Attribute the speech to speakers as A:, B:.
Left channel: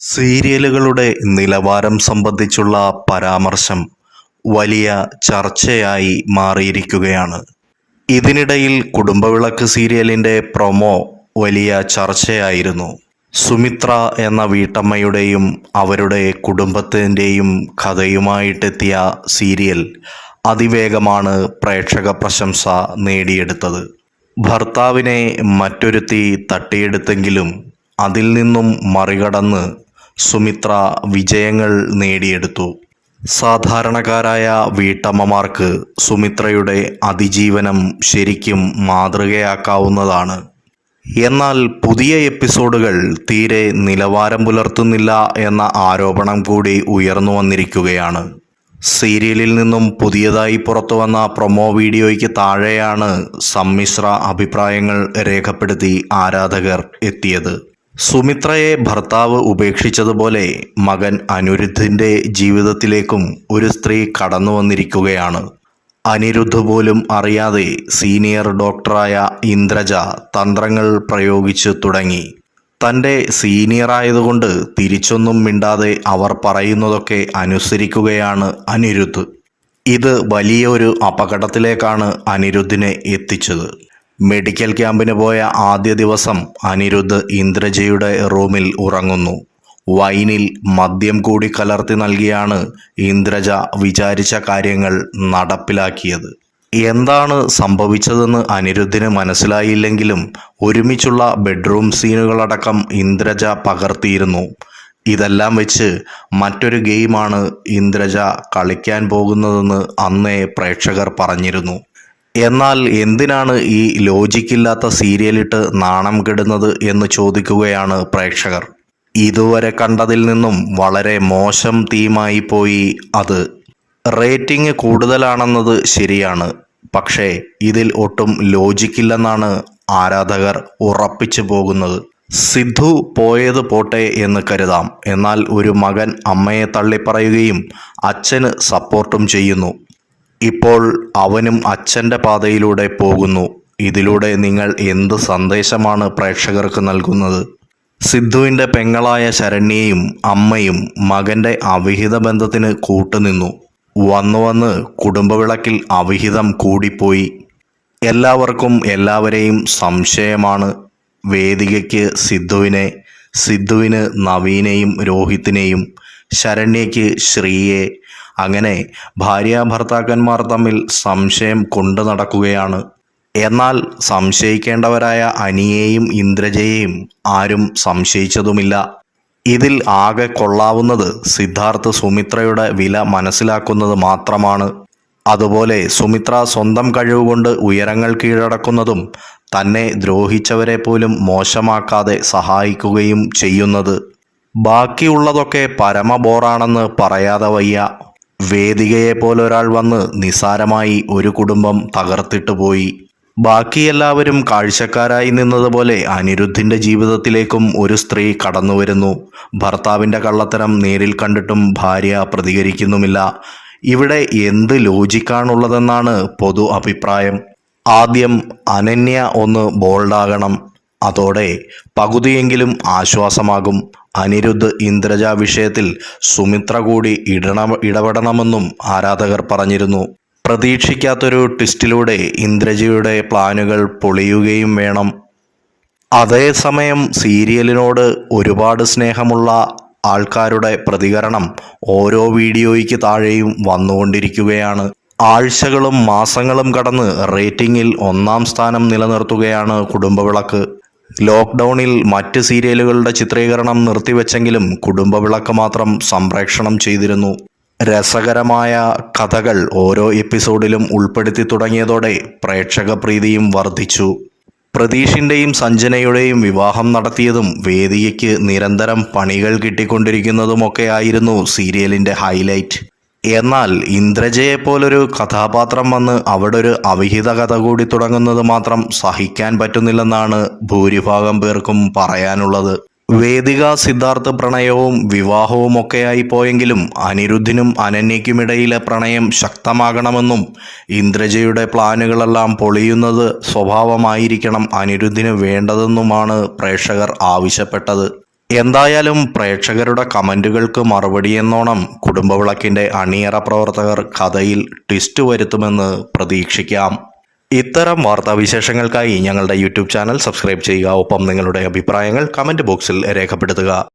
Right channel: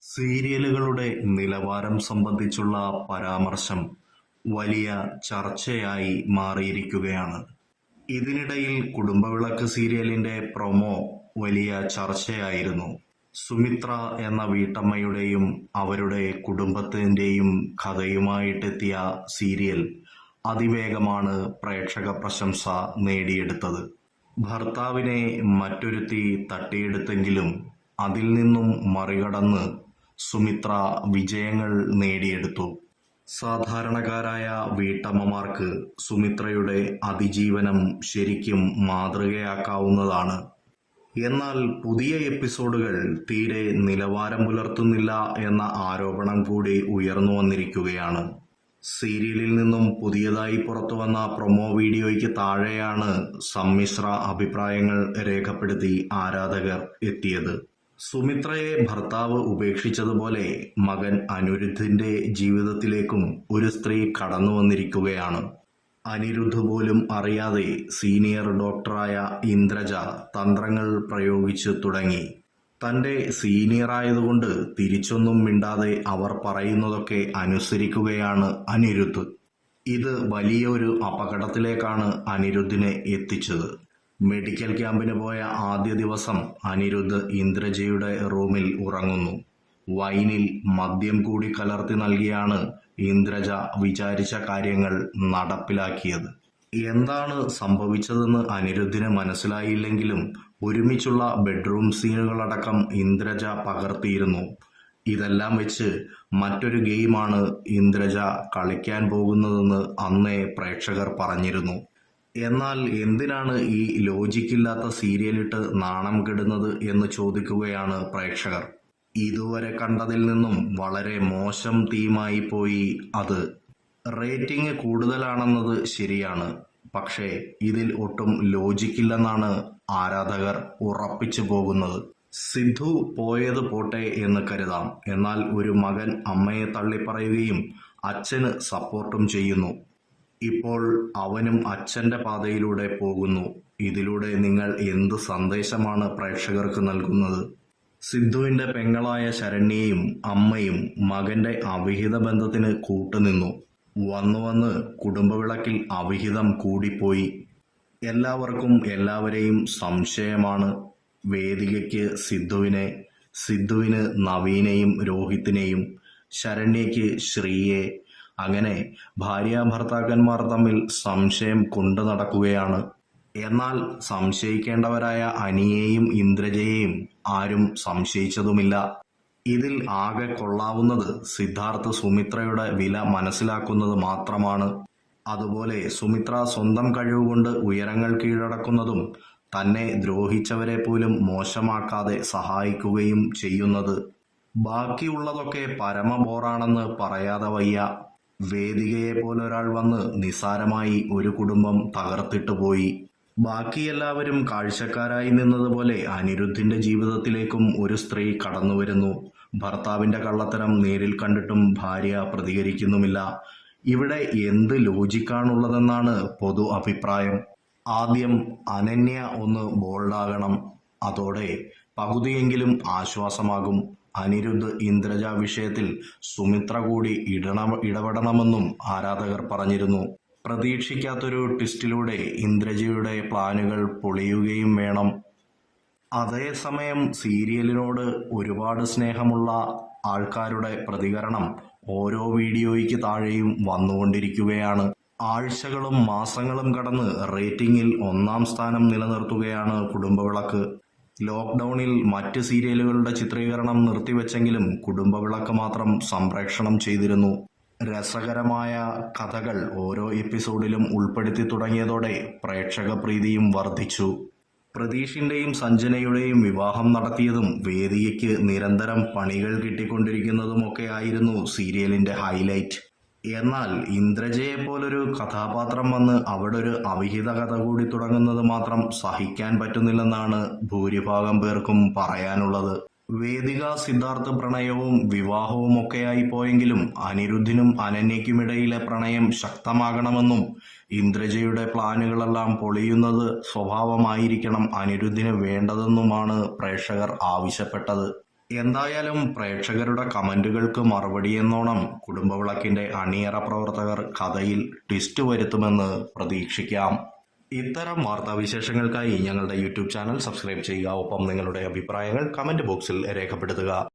A: സീരിയലുകളുടെ നിലവാരം സംബന്ധിച്ചുള്ള പരാമർശം വലിയ ചർച്ചയായി മാറിയിരിക്കുകയാണ്. ഇതിനിടയിൽ കുടുംബവിളക്ക് സീരിയലിന്റെ പ്രൊമോ വലിയ ചർച്ചയായിരുന്നു. സുമിത്ര എന്ന വീട്ടമ്മയുടെയും അവരുടെ കുടുംബത്തിന്റെയും കഥയുമായിട്ടെത്തിയ സീരിയൽ അതിവേഗമാണ് പ്രേക്ഷക പ്രശംസ നേടിയെടുത്തത്. ഭർത്താവിനെ മറ്റൊരുത്തി തട്ടിയെടുത്തെങ്കിലും അതിൽ നിന്നും മറികടന്ന് സുമിത്ര വിജയങ്ങൾ നേടിയെടുത്തു. സാധാരണക്കാരായ വീട്ടമ്മമാർക്ക് സുമിത്രയുടെ അതിജീവനം ശരിക്കും മാതൃകയാക്കാവുന്നതാണ്. എന്നാൽ പുതിയ എപ്പിസോഡുകൾ തീരെ നിലവാരം പുലർത്തുന്നില്ല എന്ന ആരോപണം കൂടി ഉയർന്നു വന്നിരിക്കുകയാണ്. സീരിയലിൽ നിന്നും പുതിയതായി പുറത്തു വന്ന പ്രൊമോ വീഡിയോയ്ക്ക് താഴെയാണ് സമ്മിശ്ര അഭിപ്രായങ്ങൾ രേഖപ്പെടുത്തി ആരാധകർ എത്തിയത്. സുമിത്രയെ ഭർത്താവ് ഉപേക്ഷിച്ചതുപോലെ മകൻ അനിരുദ്ധിന്റെ ജീവിതത്തിലേക്കും ഒരു സ്ത്രീ കടന്നു വന്നിരിക്കുകയാണ്. അനിരുദ്ധ് പോലും അറിയാതെ സീനിയർ ഡോക്ടറായ ഇന്ദ്രജ തന്ത്രങ്ങൾ പ്രയോഗിച്ചു തുടങ്ങി. തന്റെ സീനിയറായതുകൊണ്ട് തിരിച്ചൊന്നും മിണ്ടാതെ അവർ പറയുന്നതൊക്കെ അനുസരിക്കുകയാണ് അനിരുദ്ധ്. ഇത് വലിയൊരു അപകടത്തിലേക്കാണ് അനിരുദ്ധിനെ എത്തിച്ചത്. മെഡിക്കൽ ക്യാമ്പിന് പോയ ആദ്യ ദിവസം അനിരുദ്ധ് ഇന്ദ്രജയുടെ റൂമിൽ ഉറങ്ങുന്നു. വൈനിൽ മദ്യം കൂടി കലർത്തി നൽകിയാണ് ഇന്ദ്രജ വിചാരിച്ച കാര്യങ്ങൾ നടപ്പിലാക്കിയത്. എന്താണ് സംഭവിച്ചതെന്ന് അനിരുദ്ധിന് മനസ്സിലായില്ലെങ്കിലും ഒരുമിച്ചുള്ള ബെഡ്റൂം സീനുകളടക്കം ഇന്ദ്രജ പകർത്തിയിരുന്നു. ഇതെല്ലാം വെച്ച് മറ്റൊരു ഗെയിമാണ് ഇന്ദ്രജ കളിക്കാൻ പോകുന്നതെന്ന് അന്നേ പ്രേക്ഷകർ പറഞ്ഞിരുന്നു. എന്നാൽ എന്തിനാണ് ഈ ലോജിക്കില്ലാത്ത സീരിയലിട്ട് നാണം കെടുന്നത് എന്ന് ചോദിക്കുകയാണ് പ്രേക്ഷകർ. ഇതുവരെ കണ്ടതിൽ നിന്നും വളരെ മോശം തീമായി പോയി അത്. റേറ്റിംഗ് കൂടുതലാണെന്നത് ശരിയാണ്. പക്ഷേ ഇതിൽ ഒട്ടും ലോജിക്കില്ലെന്നാണ് ആരാധകർ ഉറപ്പിച്ചു പോകുന്നത്. സിദ്ധു പോയത് പോട്ടെ എന്ന് കരുതാം. എന്നാൽ ഒരു മകൻ അമ്മയെ തള്ളിപ്പറയുകയും അച്ഛന് സപ്പോർട്ടും ചെയ്യുന്നു. ഇപ്പോൾ അവനും അച്ഛന്റെ പാതയിലൂടെ പോകുന്നു. ഇതിലൂടെ നിങ്ങൾ എന്ത് സന്ദേശമാണ് പ്രേക്ഷകർക്ക് നൽകുന്നത്? സിദ്ധുവിന്റെ പെങ്ങളായ ശരണ്യയും അമ്മയും മകന്റെ അവിഹിത ബന്ധത്തിന് കൂട്ടുനിന്നു. വന്നു വന്ന് കുടുംബവിളക്കിൽ അവിഹിതം കൂടിപ്പോയി. എല്ലാവർക്കും എല്ലാവരെയും സംശയമാണ്. വേദികയ്ക്ക് സിദ്ധുവിനെ സിദ്ധുവിന് നവീനെയും രോഹിത്തിനെയും ശരണ്യയ്ക്ക് ശ്രീയെ അങ്ങനെ ഭാര്യ ഭർത്താക്കന്മാർ തമ്മിൽ സംശയം കൊണ്ടു നടക്കുകയാണ്. എന്നാൽ സംശയിക്കേണ്ടവരായ അനിയെയും ഇന്ദ്രജയെയും ആരും സംശയിച്ചതുമില്ല. ഇതിൽ ആകെ കൊള്ളാവുന്നത് സിദ്ധാർത്ഥ് സുമിത്രയുടെ വില മനസ്സിലാക്കുന്നത് മാത്രമാണ്. അതുപോലെ സുമിത്ര സ്വന്തം കഴിവുകൊണ്ട് ഉയരങ്ങൾ കീഴടക്കുന്നതും തന്നെ ദ്രോഹിച്ചവരെ പോലും മോശമാക്കാതെ സഹായിക്കുകയും ചെയ്യുന്നത്. ബാക്കിയുള്ളതൊക്കെ പരമബോറാണെന്ന് പറയാതെ വയ്യ. വേദികയെ പോലൊരാൾ വന്ന് നിസാരമായി ഒരു കുടുംബം തകർത്തിട്ട് പോയി. ബാക്കി എല്ലാവരും കാഴ്ചക്കാരായി നിന്നതുപോലെ അനിരുദ്ധിന്റെ ജീവിതത്തിലേക്കും ഒരു സ്ത്രീ കടന്നു വരുന്നു ഭർത്താവിന്റെ കള്ളത്തരം നേരിൽ കണ്ടിട്ടും ഭാര്യ പ്രതികരിക്കുന്നുമില്ല. ഇവിടെ എന്ത് ലോജിക്കാണുള്ളതെന്നാണ് പൊതു അഭിപ്രായം. ആദ്യം അനന്യ ഒന്ന് ബോൾഡാകണം. അതോടെ പകുതിയെങ്കിലും ആശ്വാസമാകും. അനിരുദ്ധ് ഇന്ദ്രജ വിഷയത്തിൽ സുമിത്ര കൂടി ഇടണ ഇടപെടണമെന്നും ആരാധകർ പറഞ്ഞിരുന്നു. പ്രതീക്ഷിക്കാത്തൊരു ട്വിസ്റ്റിലൂടെ ഇന്ദ്രജയുടെ പ്ലാനുകൾ പൊളിയുകയും വേണം. അതേസമയം സീരിയലിനോട് ഒരുപാട് സ്നേഹമുള്ള ആൾക്കാരുടെ പ്രതികരണം ഓരോ വീഡിയോയ്ക്ക് താഴെയും വന്നുകൊണ്ടിരിക്കുകയാണ്. ആഴ്ചകളും മാസങ്ങളും കടന്ന് റേറ്റിംഗിൽ ഒന്നാം സ്ഥാനം നിലനിർത്തുകയാണ് കുടുംബവിളക്ക്. ലോക്ക്ഡൗണിൽ മറ്റ് സീരിയലുകളുടെ ചിത്രീകരണം നിർത്തിവെച്ചെങ്കിലും കുടുംബവിളക്ക് മാത്രം സംപ്രേക്ഷണം ചെയ്തിരുന്നു. രസകരമായ കഥകൾ ഓരോ എപ്പിസോഡിലും ഉൾപ്പെടുത്തി തുടങ്ങിയതോടെ പ്രേക്ഷക പ്രീതിയും വർദ്ധിച്ചു. പ്രതീഷിന്റെയും സഞ്ജനയുടെയും വിവാഹം നടത്തിയതും വേദിയയ്ക്ക് നിരന്തരം പണികൾ കിട്ടിക്കൊണ്ടിരിക്കുന്നതുമൊക്കെ ആയിരുന്നു സീരിയലിന്റെ ഹൈലൈറ്റ്. എന്നാൽ ഇന്ദ്രജയെ പോലൊരു കഥാപാത്രം വന്ന് അവിടെ ഒരു അവിഹിത കഥ കൂടി തുടങ്ങുന്നത് മാത്രം സഹിക്കാൻ പറ്റുന്നില്ലെന്നാണ് ഭൂരിഭാഗം പേർക്കും പറയാനുള്ളത്. വേദിക സിദ്ധാർത്ഥ പ്രണയവും വിവാഹവും ഒക്കെയായി പോയെങ്കിലും അനിരുദ്ധിനും അനന്യയ്ക്കുമിടയിലെ പ്രണയം ശക്തമാകണമെന്നും ഇന്ദ്രജയുടെ പ്ലാനുകളെല്ലാം പൊളിയുന്നത് സ്വഭാവമായിരിക്കണം അനിരുദ്ധിന് വേണ്ടതെന്നുമാണ് പ്രേക്ഷകർ ആവശ്യപ്പെട്ടത്. എന്തായാലും പ്രേക്ഷകരുടെ കമന്റുകൾക്ക് മറുപടി എന്നോണം കുടുംബവിളക്കിന്റെ അണിയറ പ്രവർത്തകർ കഥയിൽ ട്വിസ്റ്റ് വരുത്തുമെന്ന് പ്രതീക്ഷിക്കാം. ഇത്തരം വാർത്താവിശേഷങ്ങൾക്കായി ഞങ്ങളുടെ യൂട്യൂബ് ചാനൽ സബ്സ്ക്രൈബ് ചെയ്യുക. ഒപ്പം നിങ്ങളുടെ അഭിപ്രായങ്ങൾ കമന്റ് ബോക്സിൽ രേഖപ്പെടുത്തുക.